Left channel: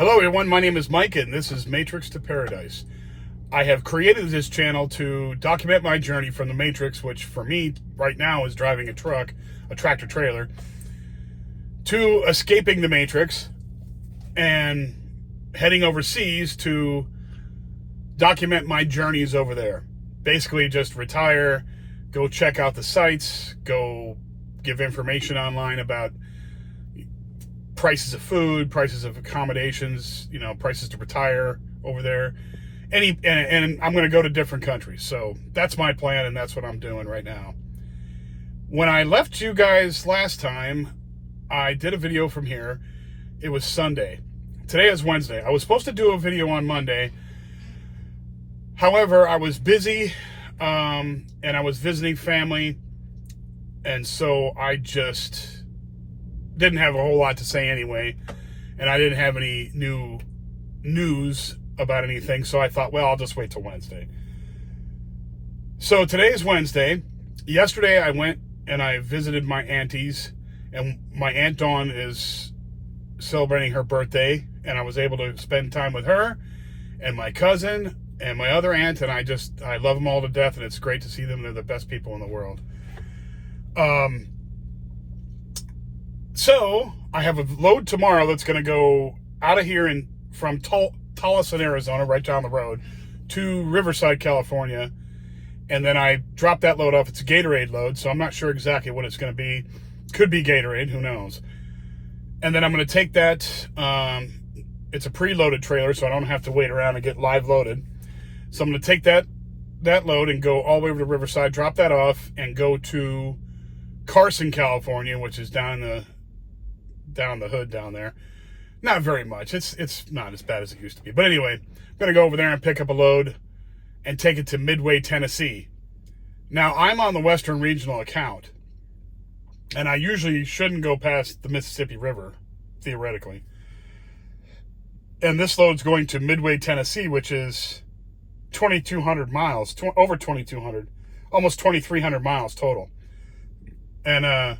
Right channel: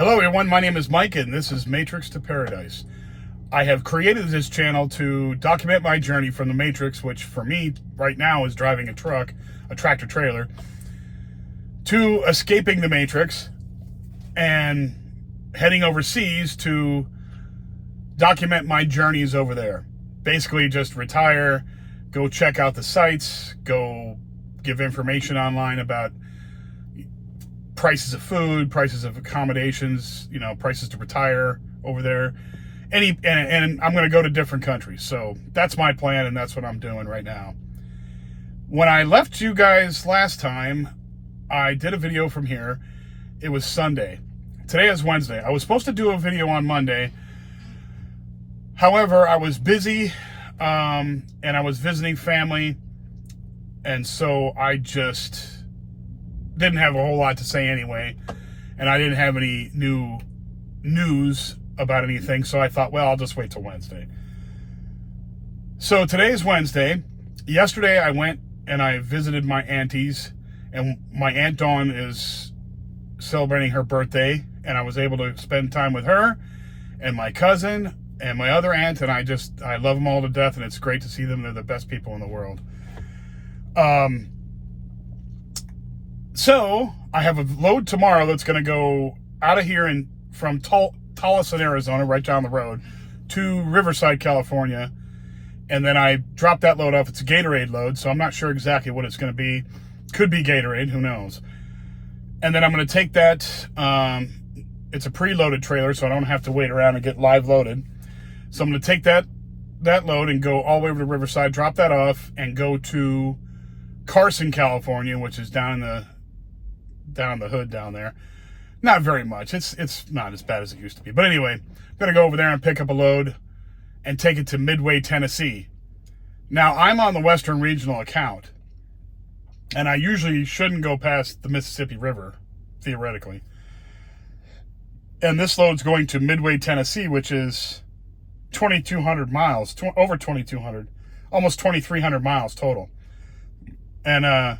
Hello everyone, my name is Mike and this is Matrix to Paradise. I have created this channel to document my journey from the Matrix, which for me right now is driving a truck, a tractor trailer, to escaping the Matrix and heading overseas to document my journeys over there. Basically just retire, go check out the sites, go give information online about prices of food, prices of accommodations, prices to retire over there. And I'm going to go to different countries. So that's my plan, and that's what I'm doing right now. When I left you guys last time, I did a video from here. It was Sunday. Today is Wednesday. I was supposed to do a video on Monday. However, I was busy, and I was visiting family, and so I just didn't have a whole lot to say anyway, and I didn't have any new news about anything, so I thought, well, I'll just wait till Wednesday. So today is Wednesday. Yesterday I went and I visited my aunties, and my Aunt Dawn is celebrating her birthday, and I was able to spend time with her and my cousin and my other aunt, and I love them all to death, and it's great to see them. They're the best people in the world. So I have a load tomorrow that's going to go out of here and from Tolleson, Arizona, right down the road, to Riverside, California. And then I drop that load off. It's a Gatorade load, so I'm not sure exactly what it's going to be. Could be Gatorade, who knows. And then I'm going to take that. It's a preloaded trailer, so I don't have to wait around and get live loaded. So I'm going to take that load and go all the way over to Riverside, drop that off, and go to Carson, California, which is down the hood down there. Not very much. It's not as bad as it used to be. But anyway, I'm going to go over there and pick up a load and take it to Midway, Tennessee. Now, I'm on the Western Regional account, and I usually shouldn't go past the Mississippi River, theoretically. And this load's going to Midway, Tennessee, which is 2,200 miles, over 2,200, almost 2,300 miles total. And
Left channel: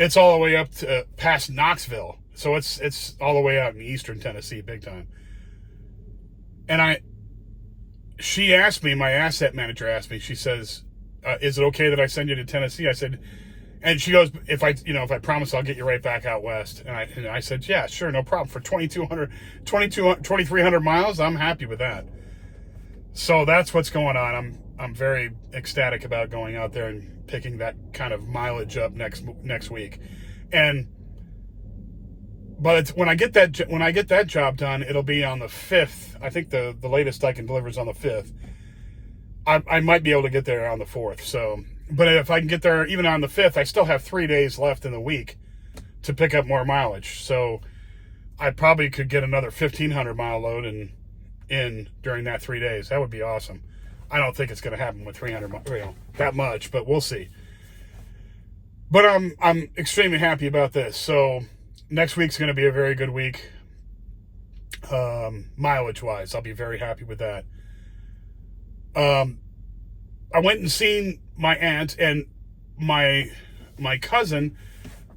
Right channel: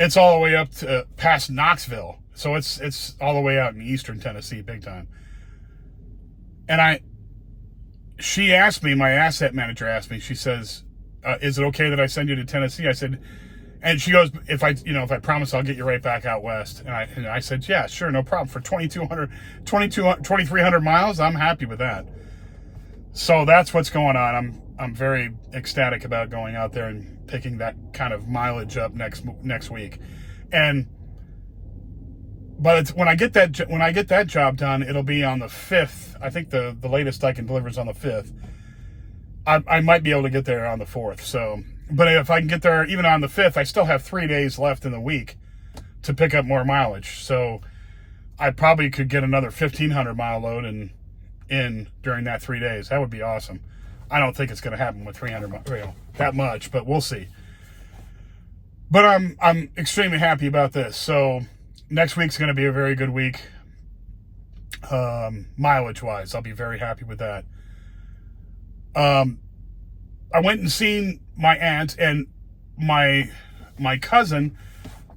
it's all the way up to past Knoxville. So it's all the way out in eastern Tennessee, big time. And she asked me, my asset manager asked me, she says, is it okay that I send you to Tennessee? I said, and she goes, if I promise I'll get you right back out west. And I said, yeah, sure, no problem. For 2,300 miles, I'm happy with that. So that's what's going on. I'm very ecstatic about going out there and picking that kind of mileage up next week. But when I get that job done, it'll be on the 5th. I think the latest I can deliver is on the 5th. I might be able to get there on the 4th. So, but if I can get there even on the 5th, I still have 3 days left in the week to pick up more mileage. So I probably could get another 1,500 mile load in during that 3 days. That would be awesome. I don't think it's going to happen with 300 that much, but we'll see. But I'm extremely happy about this. So next week's going to be a very good week, mileage-wise. I'll be very happy with that. I went and seen my aunt, and my cousin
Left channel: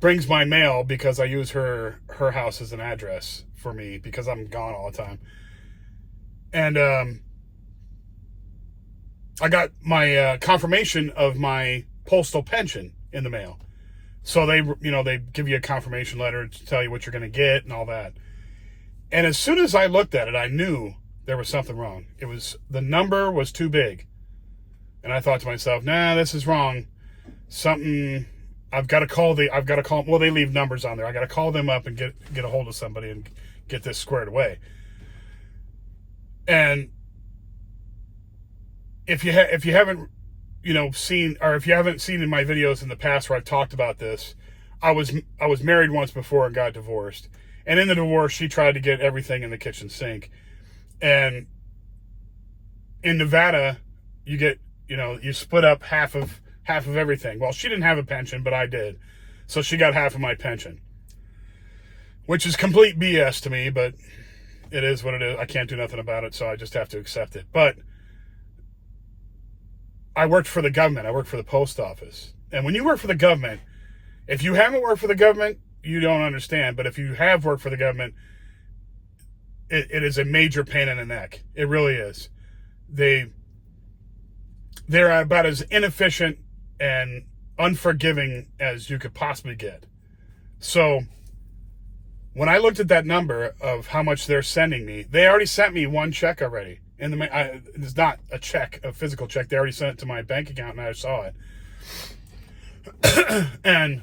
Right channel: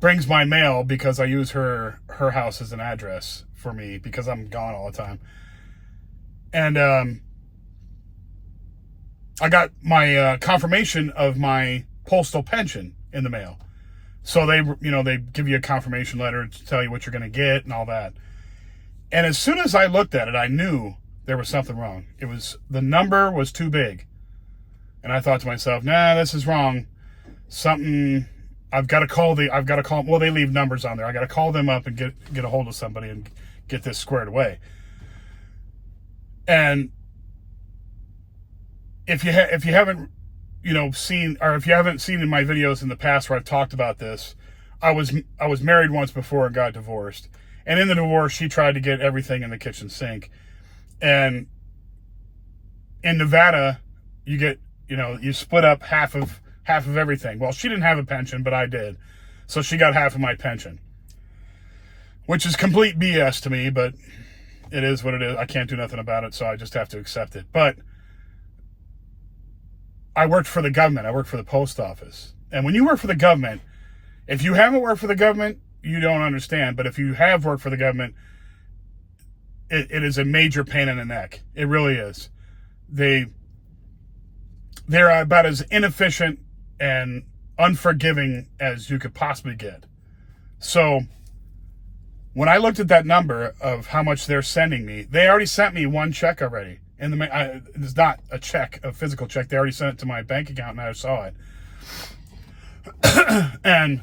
brings my mail because I use her house as an address for me because I'm gone all the time. And I got my confirmation of my postal pension in the mail. So they give you a confirmation letter to tell you what you're going to get and all that. And as soon as I looked at it, I knew there was something wrong. The number was too big. And I thought to myself, nah, this is wrong. I've got to call, well, they leave numbers on there. I got to call them up and get a hold of somebody and get this squared away. And if you haven't seen, or if you haven't seen in my videos in the past where I've talked about this, I was married once before and got divorced. And in the divorce, she tried to get everything in the kitchen sink. And in Nevada, you split up half of everything. Well, she didn't have a pension, but I did. So she got half of my pension, which is complete BS to me, but it is what it is. I can't do nothing about it, so I just have to accept it. But I worked for the government. I worked for the post office. And when you work for the government, if you haven't worked for the government, you don't understand. But if you have worked for the government, it is a major pain in the neck. It really is. They're about as inefficient and unforgiving as you could possibly get. So when I looked at that number of how much they're sending me, they already sent me one check already. And it's not a check, a physical check. They already sent it to my bank account, and I saw it. And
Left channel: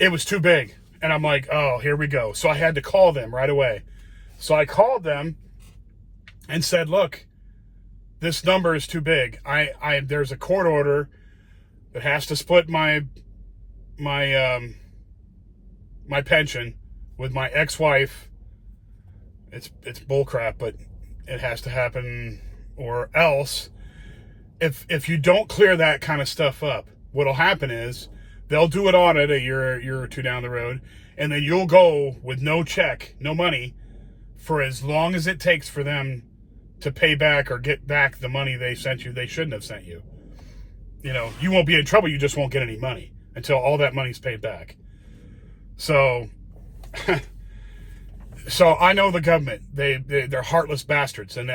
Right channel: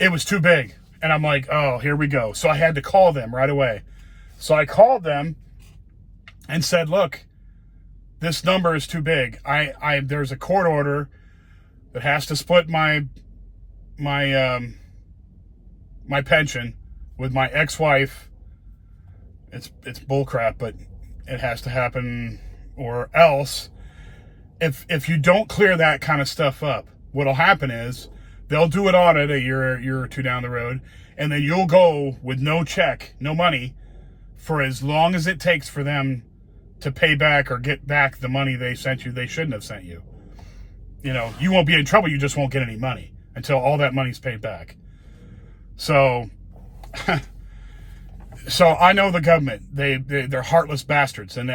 it was too big. And I'm like, oh, here we go. So I had to call them right away. So I called them and said, look, this number is too big. There's a court order that has to split my pension with my ex-wife. It's bullcrap, but it has to happen, or else if you don't clear that kind of stuff up, what'll happen is they'll do an audit a year or two down the road, and then you'll go with no check, no money, for as long as it takes for them to pay back or get back the money they sent you, they shouldn't have sent you. You know, you won't be in trouble, you just won't get any money until all that money's paid back. So, so I know the government, they're heartless bastards, and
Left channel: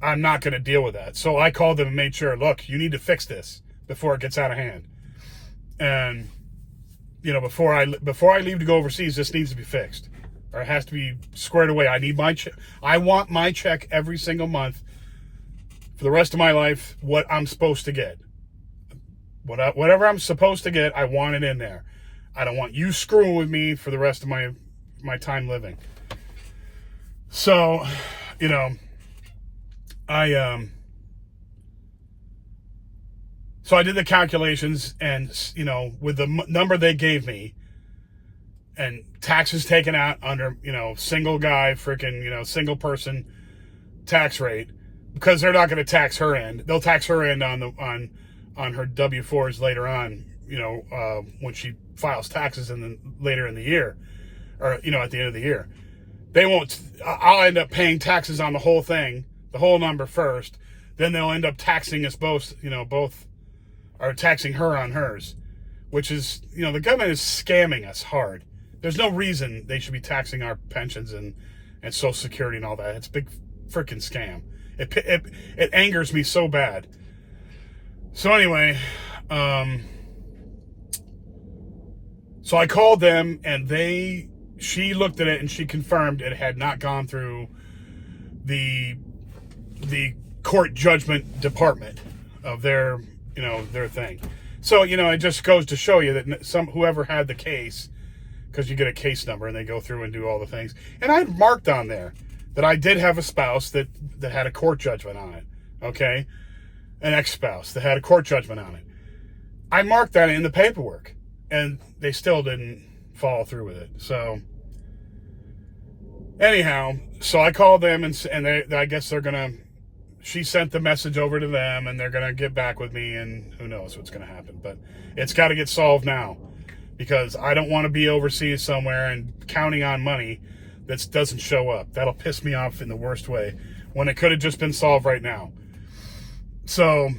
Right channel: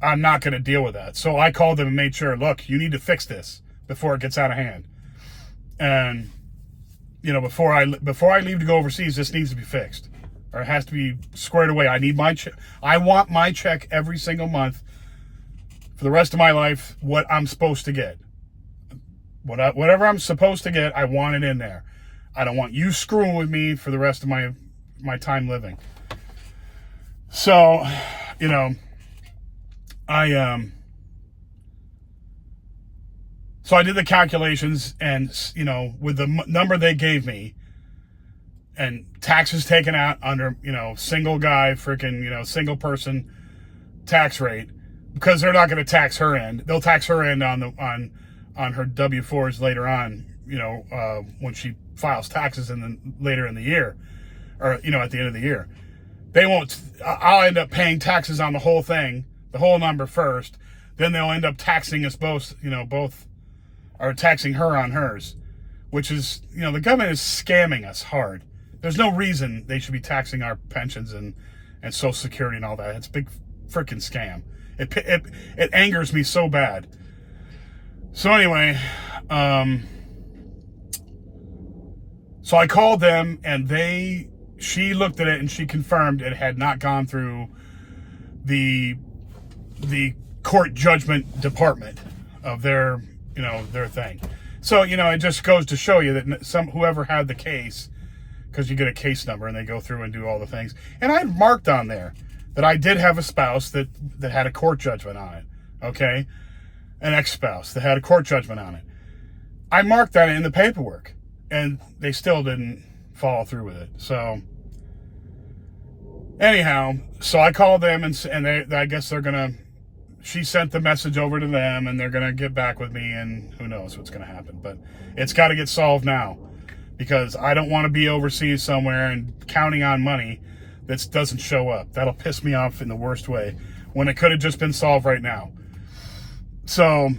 I'm not going to deal with that. So I called them and made sure, look, you need to fix this before it gets out of hand. And, you know, before I leave to go overseas, this needs to be fixed, or it has to be squared away. I need my check. I want my check every single month for the rest of my life, what I'm supposed to get. Whatever I'm supposed to get, I want it in there. I don't want you screwing with me for the rest of my time living. So, you know, so I did the calculations, and, you know, with the number they gave me, and taxes taken out under, you know, single guy, freaking, you know, single person tax rate, because they're not going to tax her end. They'll tax her end on her W-4s later on, you know, when she files taxes later in the year, or, you know, at the end of the year. They won't. I'll end up paying taxes on the whole thing, the whole number first. Then they'll end up taxing us both, you know, or taxing her on hers, which is, you know, the government is scamming us hard. There's no reason they should be taxing our pensions and Social Security and all that. It's a big freaking scam. It angers me so bad. So anyway, so I called them, and she looked at it and she confirmed it had not gone through the court judgment department of their, you know, their thing. So, you know, it just goes to show you that whoever had the case, because you get a case number and they go through and do all the things. And I marked on there that I did have a spouse that had a court judgment on it. Okay. An ex-spouse that had a court judgment on it. I marked that in the paperwork, and they still didn't follow through with it. So anyhow, so I called them, and I guess she sent the message over to them, and they're going to get back with me, and who knows what's going to happen. But it's got to get solved now, because I don't want to be overseas somewhere and counting on money that doesn't show up. That'll piss me off in the worst way, when it could have just been solved right now. So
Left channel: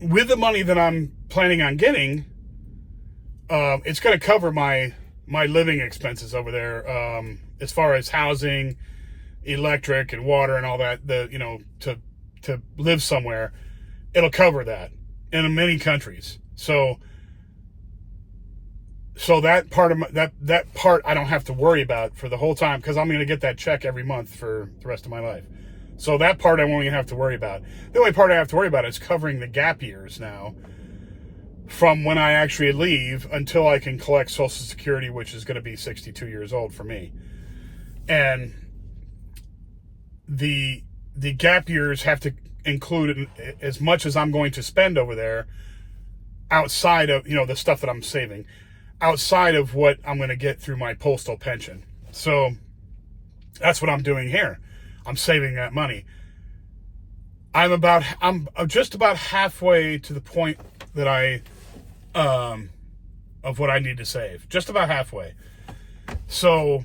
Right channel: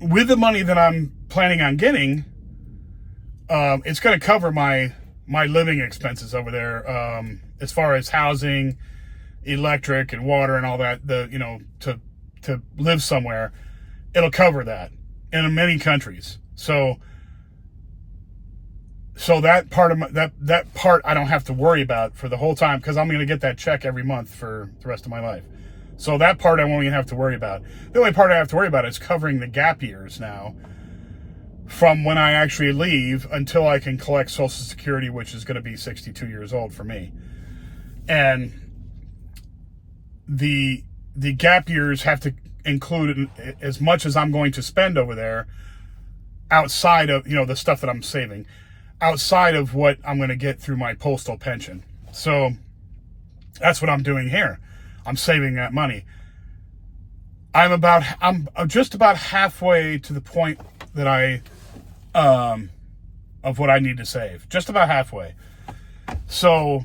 with the money that I'm planning on getting, it's going to cover my living expenses over there, as far as housing, electric and water and all that, you know, to live somewhere. It'll cover that in many countries. So that part of that part I don't have to worry about for the whole time, because I'm going to get that check every month for the rest of my life. So that part I won't even have to worry about. The only part I have to worry about is covering the gap years now, from when I actually leave until I can collect Social Security, which is going to be 62 years old for me. And the gap years have to include as much as I'm going to spend over there, outside of, you know, the stuff that I'm saving, outside of what I'm going to get through my postal pension. So that's what I'm doing here. I'm saving that money. I'm just about halfway to the point that of what I need to save. Just about halfway. So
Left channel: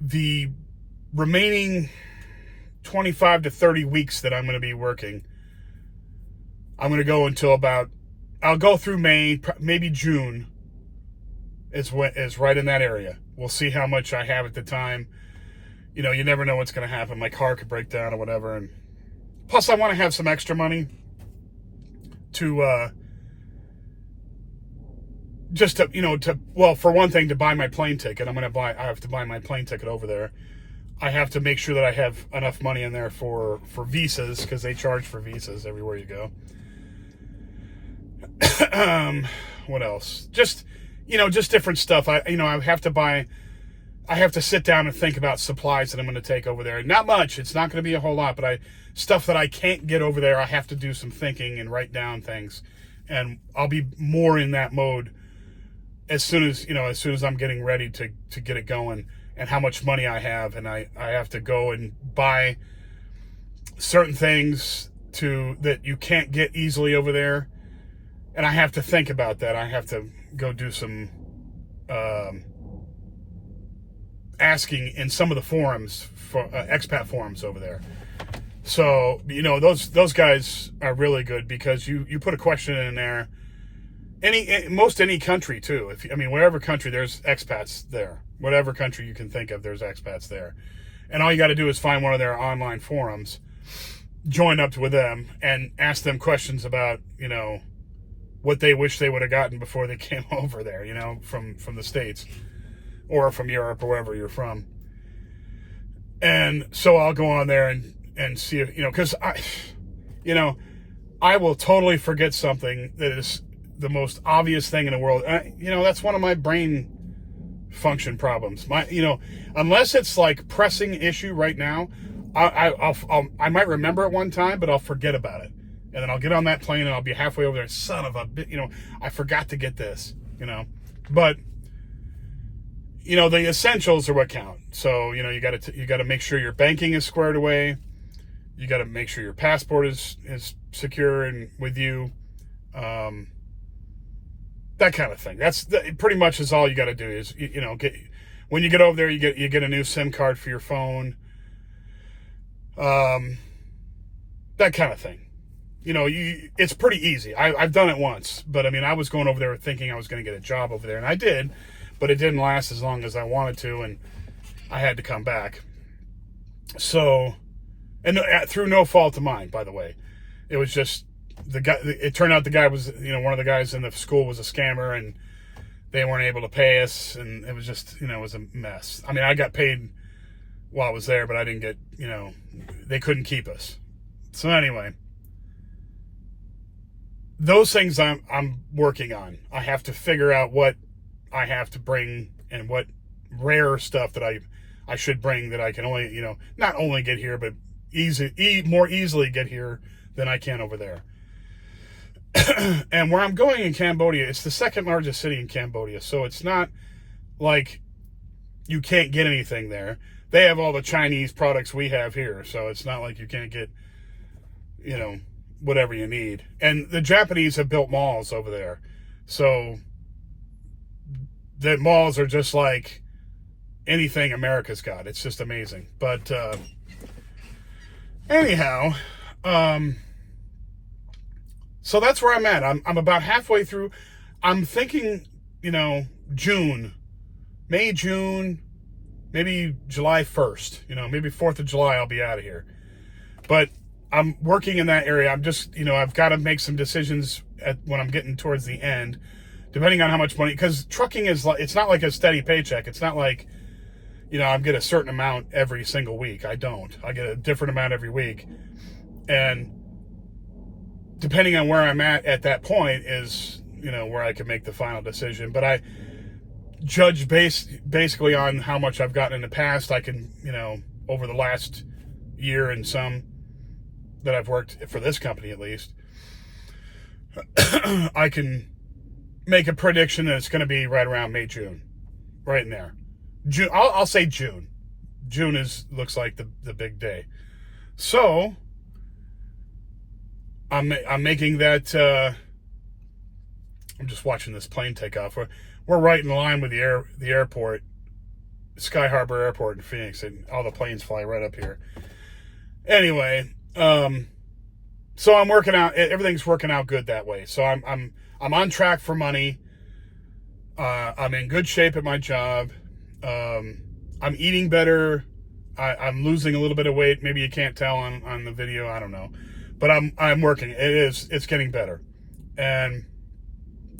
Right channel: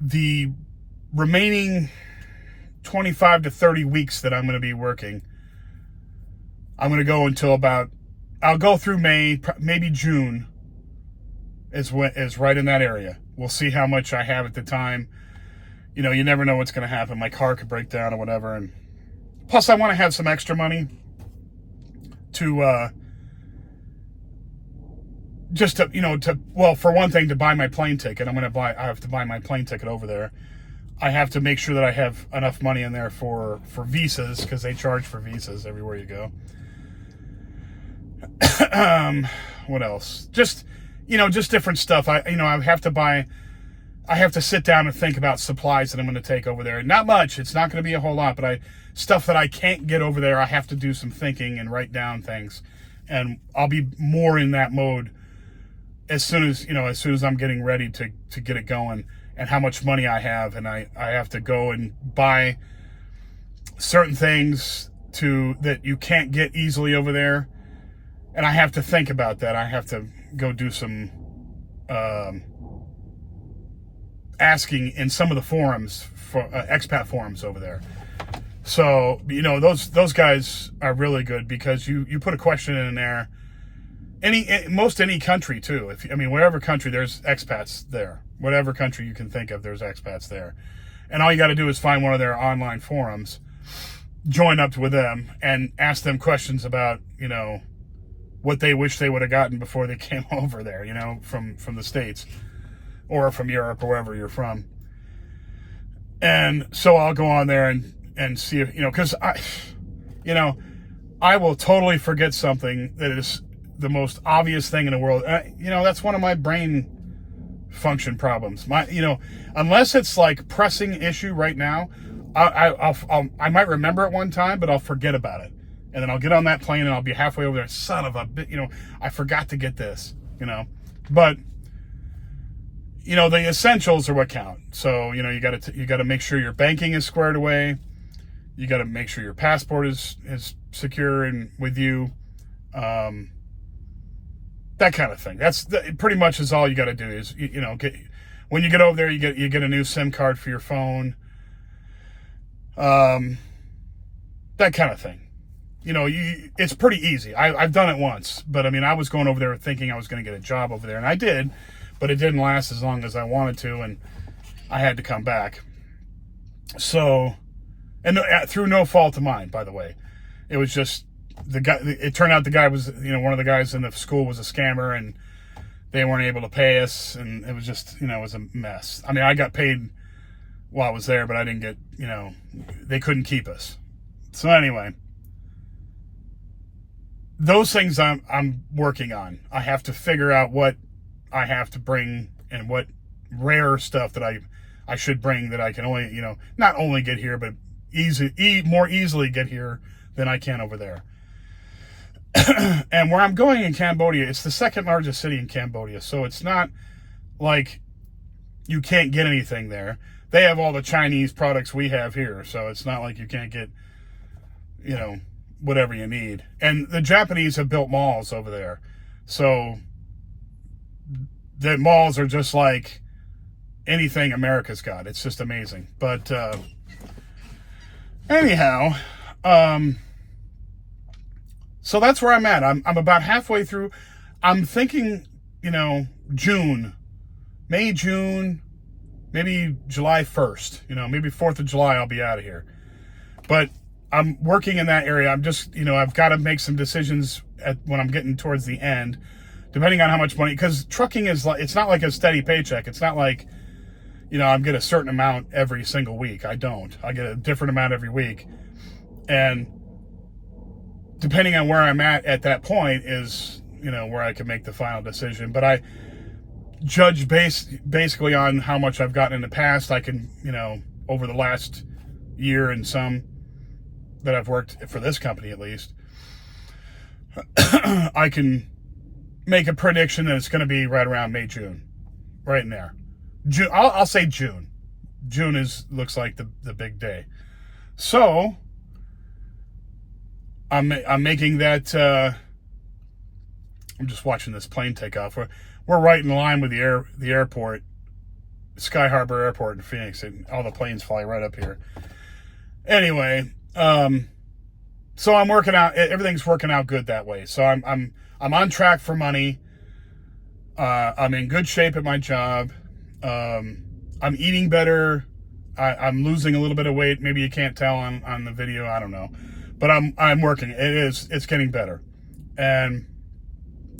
the remaining 25 to 30 weeks that I'm going to be working, I'm going to go until I'll go through May, maybe June, is right in that area. We'll see how much I have at the time. You know, you never know what's going to happen. My car could break down or whatever. And plus, I want to have some extra money to just to, well, for one thing, to buy my plane ticket. I have to buy my plane ticket over there. I have to make sure that I have enough money in there for visas, because they charge for visas everywhere you go. What else? Just different stuff. I have to sit down and think about supplies that I'm going to take over there. Not much. It's not going to be a whole lot, but stuff that I can't get over there, I have to do some thinking and write down things. And I'll be more in that mode as soon as I'm getting ready to get it going, and how much money I have. And I have to go and buy certain things that you can't get easily over there. And I have to think about that. I have to go do some asking in some of the forums, for expat forums over there. So, those guys are really good, because you put a question in there. Any country too. Wherever country, there's expats there. Whatever country you can think of, there's expats there. And all you got to do is find one of their online forums, join up with them, and ask them questions about, what they wish they would have gotten before they came over there, from the States or from Europe or wherever you're from. And so I'll go on there and see if, because I will totally forget something that is the most obvious thing in the world. That's one of my brain function problems. Unless it's like pressing issue right now, I might remember it one time, but I'll forget about it. And then I'll get on that plane and I'll be halfway over there. Son of a bit, I forgot to get this, but the essentials are what count. So, you got to make sure your banking is squared away. You got to make sure your passport is secure and with you. That kind of thing. Pretty much is all you got to do is, when you get over there, you get a new SIM card for your phone. That kind of thing. It's pretty easy. I've done it once, but I was going over there thinking I was going to get a job over there, and I did, but it didn't last as long as I wanted to, and I had to come back. So, and through no fault of mine, by the way. It was just the guy. It turned out the guy was, one of the guys in the school was a scammer, and they weren't able to pay us, and it was just, it was a mess. I got paid while I was there, but I didn't get, they couldn't keep us. So anyway, those things I'm working on. I have to figure out what I have to bring and what rare stuff that I should bring that I can only, not only get here, but more easily get here than I can over there. And where I'm going in Cambodia, it's the second largest city in Cambodia. So it's not like you can't get anything there. They have all the Chinese products we have here. So it's not like you can't get, whatever you need. And the Japanese have built malls over there. So the malls are just like anything America's got. It's just amazing. But anyhow, so that's where I'm at. I'm about halfway through. I'm thinking, May, June, maybe July 1st, maybe 4th of July, I'll be out of here. But I'm working in that area. I'm just, I've got to make some decisions when I'm getting towards the end, depending on how much money, because trucking is like, it's not like a steady paycheck. It's not like, I get a certain amount every single week. I don't. I get a different amount every week. And depending on where I'm at that point is, where I can make the final decision. But I judge basically on how much I've gotten in the past. I can, over the last year and some that I've worked for this company, at least, I can make a prediction that it's going to be right around May, June, right in there. June. I'll say June. June looks like the big day. So I'm making that. I'm just watching this plane take off. We're right in line with the airport, Sky Harbor Airport in Phoenix, and all the planes fly right up here. Anyway, so I'm working out. Everything's working out good that way. So I'm on track for money. I'm in good shape at my job. I'm eating better. I'm losing a little bit of weight. Maybe you can't tell on the video. I don't know, but I'm working. It's getting better, and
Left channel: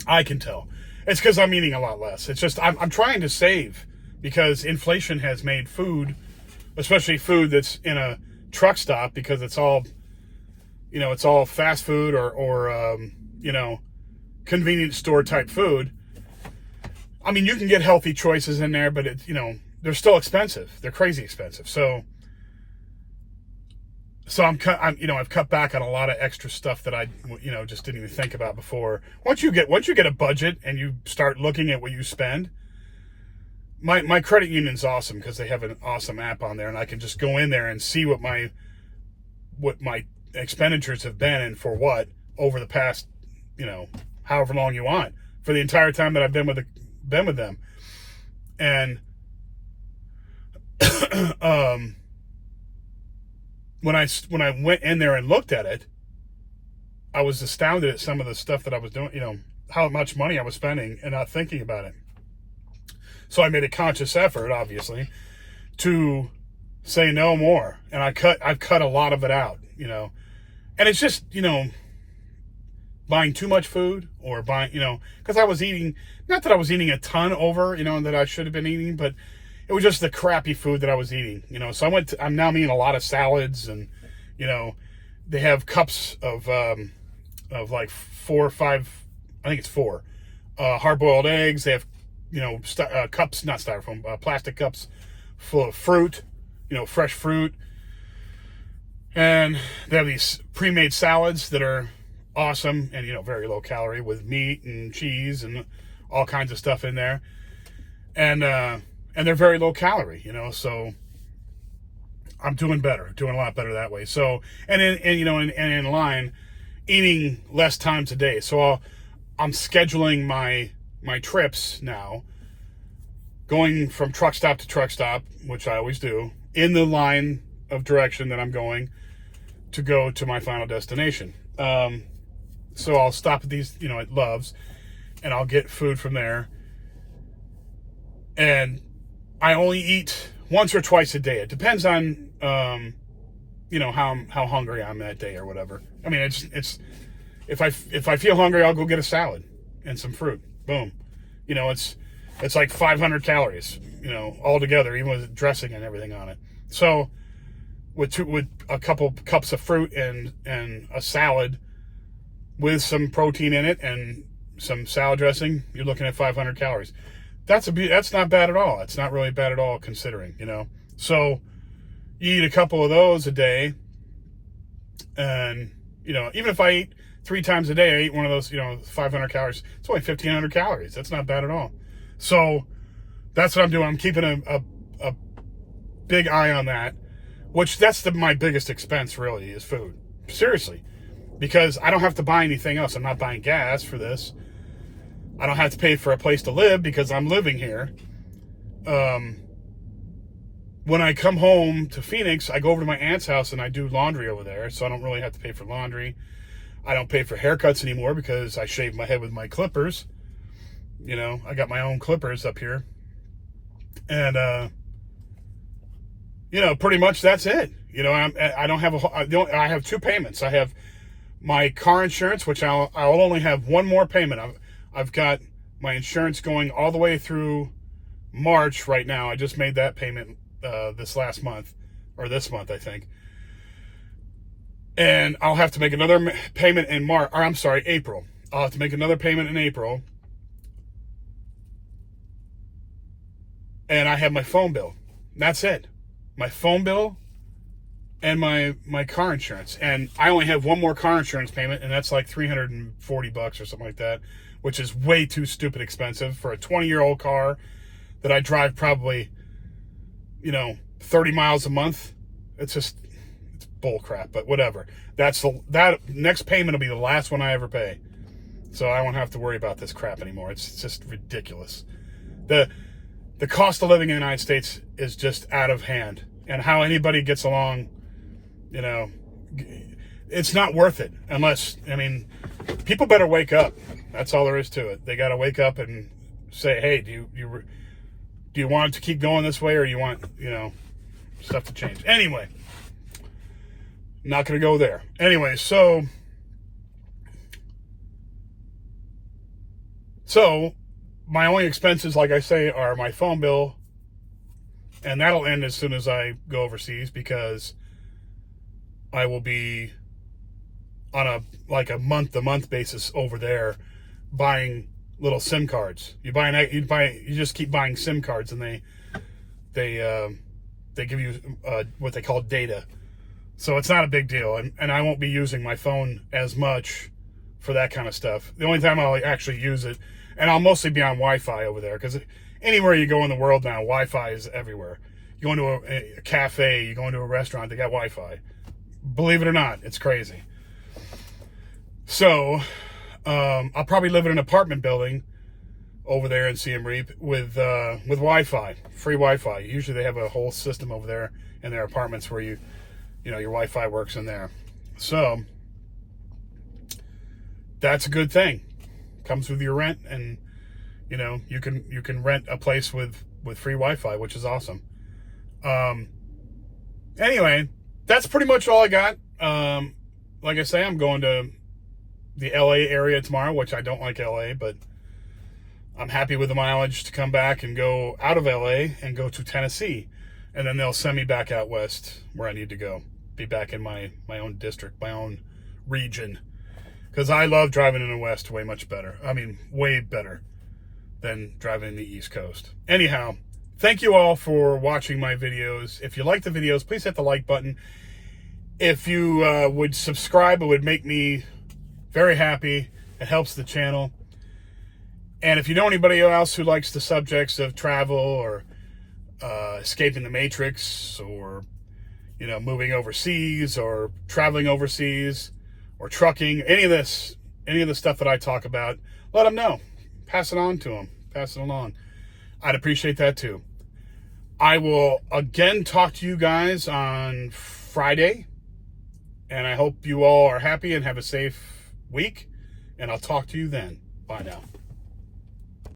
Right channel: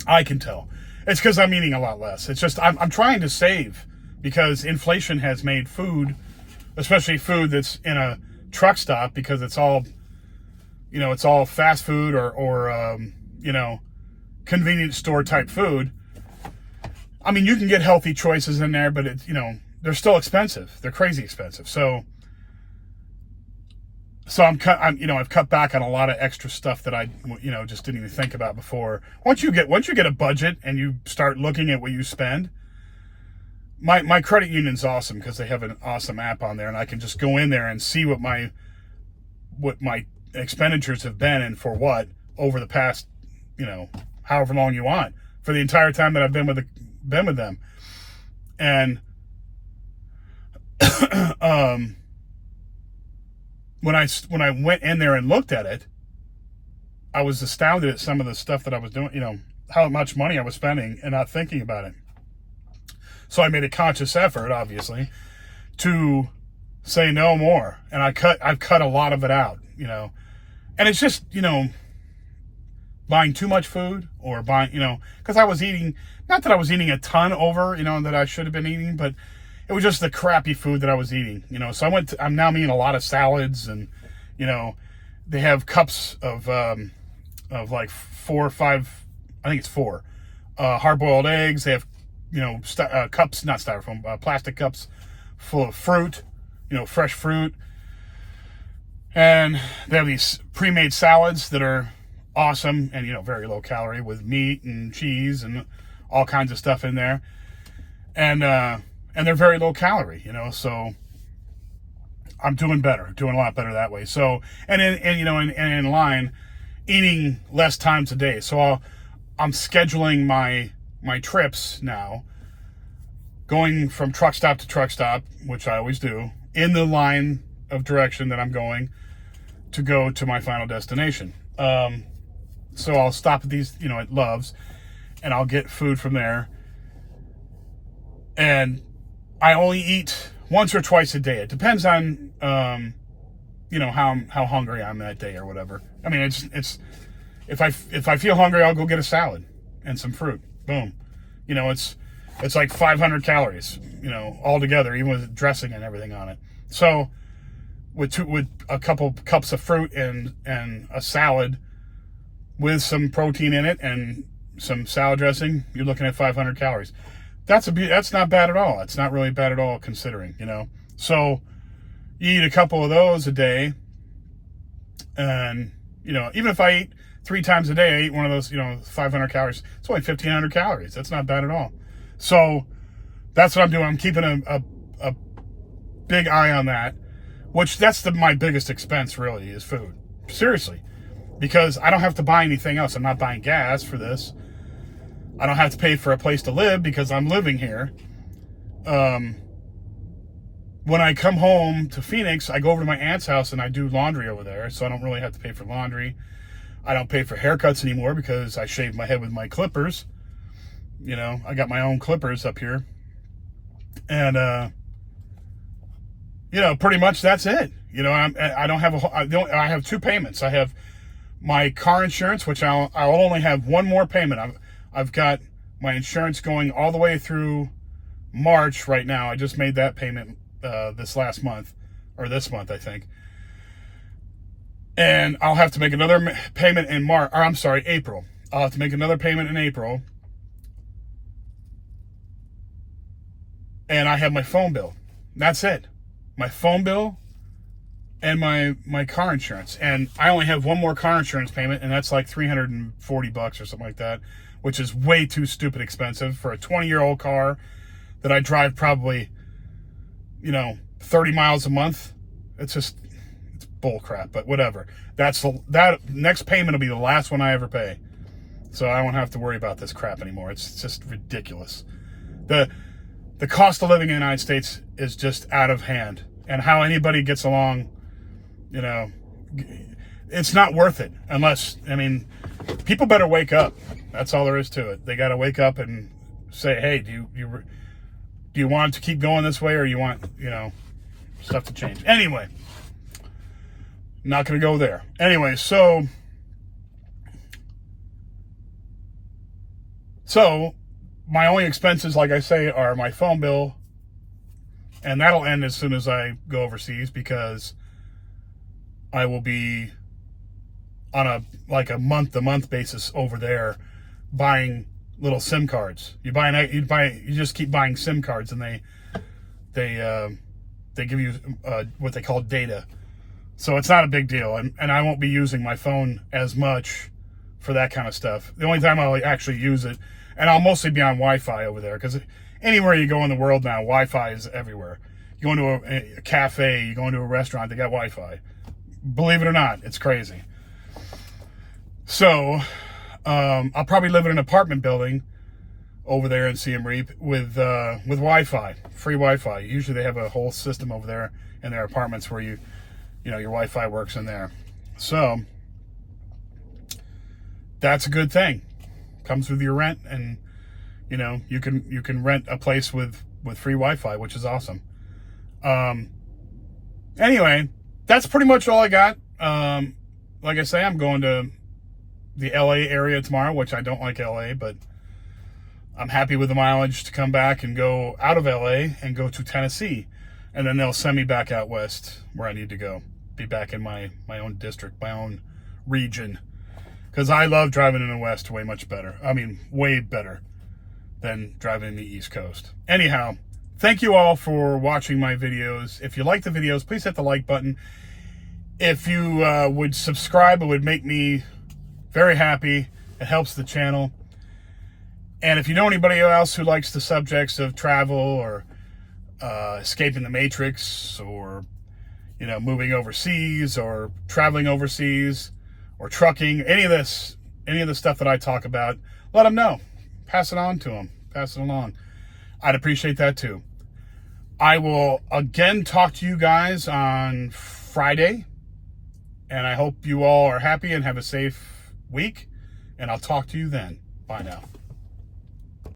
I can tell. It's because I'm eating a lot less. It's just I'm trying to save because inflation has made food, especially food that's in a truck stop, because it's all, it's all fast food or convenience store type food. I mean, you can get healthy choices in there, but they're still expensive. They're crazy expensive. So I've cut back on a lot of extra stuff that I, just didn't even think about before. Once you get a budget and you start looking at what you spend, my credit union's awesome because they have an awesome app on there, and I can just go in there and see what my expenditures have been and for what over the past, however long you want, for the entire time that I've been with them. And when I went in there and looked at it, I was astounded at some of the stuff that I was doing, how much money I was spending and not thinking about it. So I made a conscious effort, obviously, to say no more. And I've cut a lot of it out, and it's just, buying too much food or buying, because I was eating, not that I was eating a ton over, that I should have been eating, but it was just the crappy food that I was eating, so I'm now eating a lot of salads, and, they have cups of like 4 or 5, I think it's 4, hard-boiled eggs. They have, cups, not styrofoam, plastic cups full of fruit, fresh fruit. And they have these pre-made salads that are awesome and, very low calorie, with meat and cheese and all kinds of stuff in there. And they're very low calorie, so I'm doing a lot better that way. So, and in line, eating less times a day. So I'm scheduling my trips now, going from truck stop to truck stop, which I always do, in the line of direction that I'm going to go to my final destination. So I'll stop at these, at Love's, and I'll get food from there. And I only eat once or twice a day. It depends on, how hungry I'm that day or whatever. I mean, it's if I feel hungry, I'll go get a salad and some fruit. Boom. It's like 500 calories, all together, even with dressing and everything on it. So with a couple cups of fruit and a salad with some protein in it and some salad dressing, you're looking at 500 calories. That's not bad at all. It's not really bad at all considering, So you eat a couple of those a day, and, even if I eat 3 times a day, I eat one of those, 500 calories. It's only 1,500 calories. That's not bad at all. So that's what I'm doing. I'm keeping a big eye on that, which that's my biggest expense really, is food. Seriously. Because I don't have to buy anything else. I'm not buying gas for this. I don't have to pay for a place to live because I'm living here. When I come home to Phoenix, I go over to my aunt's house and I do laundry over there, so I don't really have to pay for laundry. I don't pay for haircuts anymore because I shave my head with my clippers. I got my own clippers up here. And, pretty much that's it. I don't have I have 2 payments. I have my car insurance, which I'll only have one more payment. I've got my insurance going all the way through March right now. I just made that payment this month, I think. And I'll have to make another payment in April. I'll have to make another payment in April. And I have my phone bill. That's it. My phone bill and my car insurance. And I only have one more car insurance payment, and that's like $340 or something like that, which is way too stupid expensive for a 20-year-old car that I drive probably, 30 miles a month. It's bull crap, but whatever. That next payment will be the last one I ever pay. So I won't have to worry about this crap anymore. It's just ridiculous. The cost of living in the United States is just out of hand. And how anybody gets along, it's not worth it unless, people better wake up. That's all there is to it. They got to wake up and say, hey, do you want it to keep going this way, or you want, stuff to change? Anyway, not going to go there. Anyway, so my only expenses, like I say, are my phone bill, and that'll end as soon as I go overseas, because I will be on a month-to-month basis over there buying little SIM cards. You just keep buying SIM cards, and they give you what they call data. So it's not a big deal, and I won't be using my phone as much for that kind of stuff. The only time I'll actually use it, and I'll mostly be on Wi-Fi over there, because anywhere you go in the world now, Wi-Fi is everywhere. You go into a cafe, you go into a restaurant, they got Wi-Fi. Believe it or not, it's crazy. So I'll probably live in an apartment building over there in Siem Reap with Wi-Fi, free Wi-Fi. Usually they have a whole system over there in their apartments where your Wi-Fi works in there. So that's a good thing. Comes with your rent, and you can rent a place with free Wi-Fi, which is awesome. Anyway, that's pretty much all I got. Like I say, I'm going to the LA area tomorrow, which I don't like LA, but I'm happy with the mileage to come back and go out of LA and go to Tennessee, and then they'll send me back out west where I need to go. Be back in my own district, my own region, because I love driving in the west way much better. I mean, way better than driving in the East Coast. Anyhow, thank you all for watching my videos. If you like the videos, please hit the like button. If you would subscribe, it would make me very happy. It helps the channel. And if you know anybody else who likes the subjects of travel, or escaping the Matrix, or moving overseas, or traveling overseas, or trucking, any of the stuff that I talk about, let them know. Pass it on to them. Pass it along. I'd appreciate that too. I will again talk to you guys on Friday, and I hope you all are happy and have a safe week, and I'll talk to you then. Bye now.